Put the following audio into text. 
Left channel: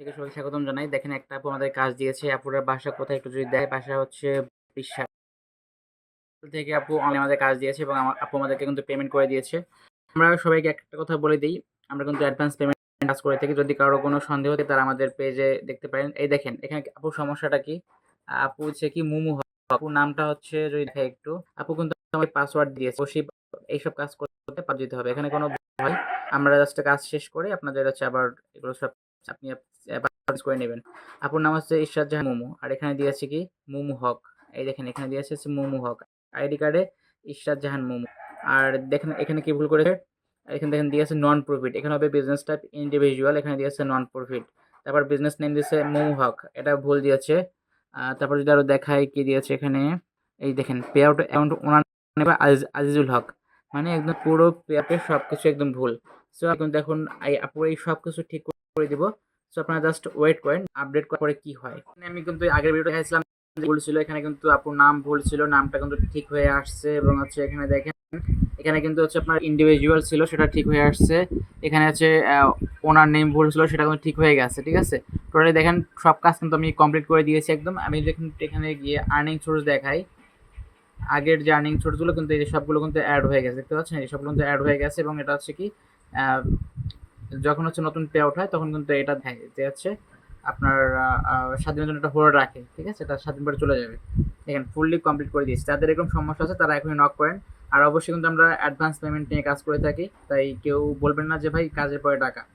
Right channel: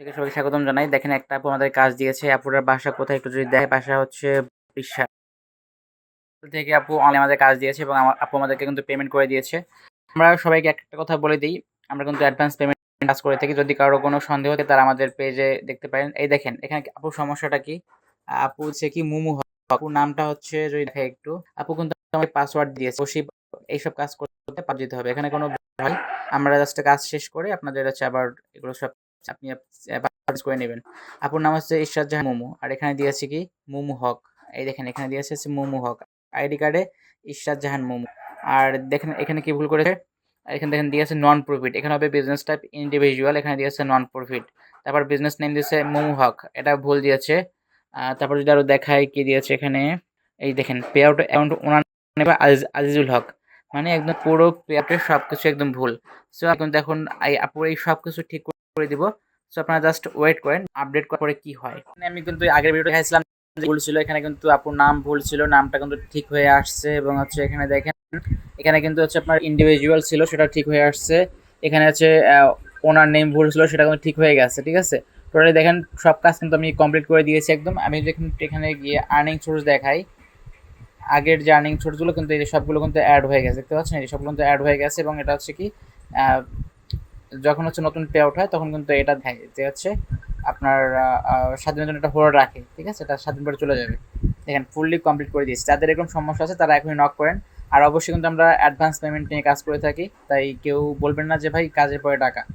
থেকে সবাইকে স্বাগতম জানাই। দেখেন একটা আপু আমাদের কাজ দিয়েছে। আপুটার বাসা কোথায় একটু যদি দেখায়, বাসা হচ্ছে বরিশাল থেকে আপু অনলাইনে আমাদের কাজ দিয়েছে এবং আপু আমাদেরকে কিন্তু পেমেন্ট করে দিয়েছে। আমরা সবাইকে একটা কথা বলে দিই, আমরা কিন্তু অ্যাডভান্স পেমেন্ট কাজ করে থাকি। যদি কারো কোনো সন্দেহ থাকে তারা আমাদের পেজে দেখতে পারেন। এই দেখেন এখানে আপুর সমস্যাটা কি? আপু হচ্ছে কি মুমু হক। আপুর নামটা হচ্ছে যদি দেখাই একটু, আপু কিন্তু আমাকে পাসওয়ার্ড দিয়েছে। তো সেই এইসব কাজ করতে পার যেতে হবে। এখানে কোনো ভয়, আমরা জাস্ট কাজ শেষ করে আপনাদের হচ্ছে আবার এগুলো সব আপনি পারচেজ করে নেবেন। আপুর নাম হচ্ছে ইশরাত জাহান মুমু। আর এখানে দিয়েছে কি মুমু হক। এই দেখেন এখানে দিয়েছে হচ্ছে মুমু হক। আইডি কার্ডে ইশরাত জাহান মুমু। আর দেখেন এখানে কি ভুল করেছে? এখানে দেখেন দিয়েছে নন প্রফিট। এখানে হবে বিজনেস টাইপ ইন্ডিভিজুয়াল, এখানে দিয়েছে নন প্রফিট। তারপর বিজনেস নেম দিয়েছে মুমু হক। এটা ভুল দিয়েছে। তারপর যদি আরো দেখাই কি দিয়েছে এখানে, এই দেখেন পে আউট অ্যামাউন্ট ওনার নেবে আজিজুল হক। মানে একদম পুরো পে আউটের সবকিছু একদম ভুল। সো এখন দেখুন আপুর এই সবকিছু ঠিক করে দিব। সো আপনারা জাস্ট ওয়েট করেন, আপডেট করার পরে কি হয়। আমি কিন্তু আগের ভিডিও দেখাইছিলাম ভুল ছিল, এখানে কিন্তু আপুর নাম ভুল ছিল, নামটা কিন্তু ঠিক হয়ে আসছে এবং হচ্ছে এখানে দেখেন এখানে কিন্তু হচ্ছে আপনার ইন্ডিভিজুয়াল ছিল সেটা ঠিক হয়ে আসছে। এখানে হচ্ছে ওনার নেম ভুল ছিল সেটা কিন্তু ঠিক হয়ে গেছে। ঠিক আছে, টোটালি দেখেন সব কাজ কিন্তু আমি কমপ্লিট করে দিয়েছি একদম। আমি দেখুন এখানে গিয়ে আর্নিং সোর্স দেখাই, আগের যে আর্নিং সোর্সগুলো কিন্তু এই সবগুলো কিন্তু অ্যাড হয়ে গেছে, দেখতে পাচ্ছেন এই সবগুলো কিন্তু অ্যাড হয়ে গেছে। এবং এটা হচ্ছে কি যখন হচ্ছে নতুন পে আউট হয় তখন কিন্তু এটা দেয় যে হচ্ছে আপনার 7 দিনের জন্য এটা হোল্ড রাখে। ঠিক আছে, এটা 7 দিন পরে চলে যাবে। দেখেন ফুললি কমপ্লিট করে দিয়েছি। যাদের এরকম সমস্যা আছে তারা এখনই নক করেন। আর অবশ্যই কিন্তু আমরা অ্যাডভান্স পেমেন্ট নিয়ে কাজ করে থাকি, তাই কেউ বলবেন না যে ভাই কাজের পরে টাকা।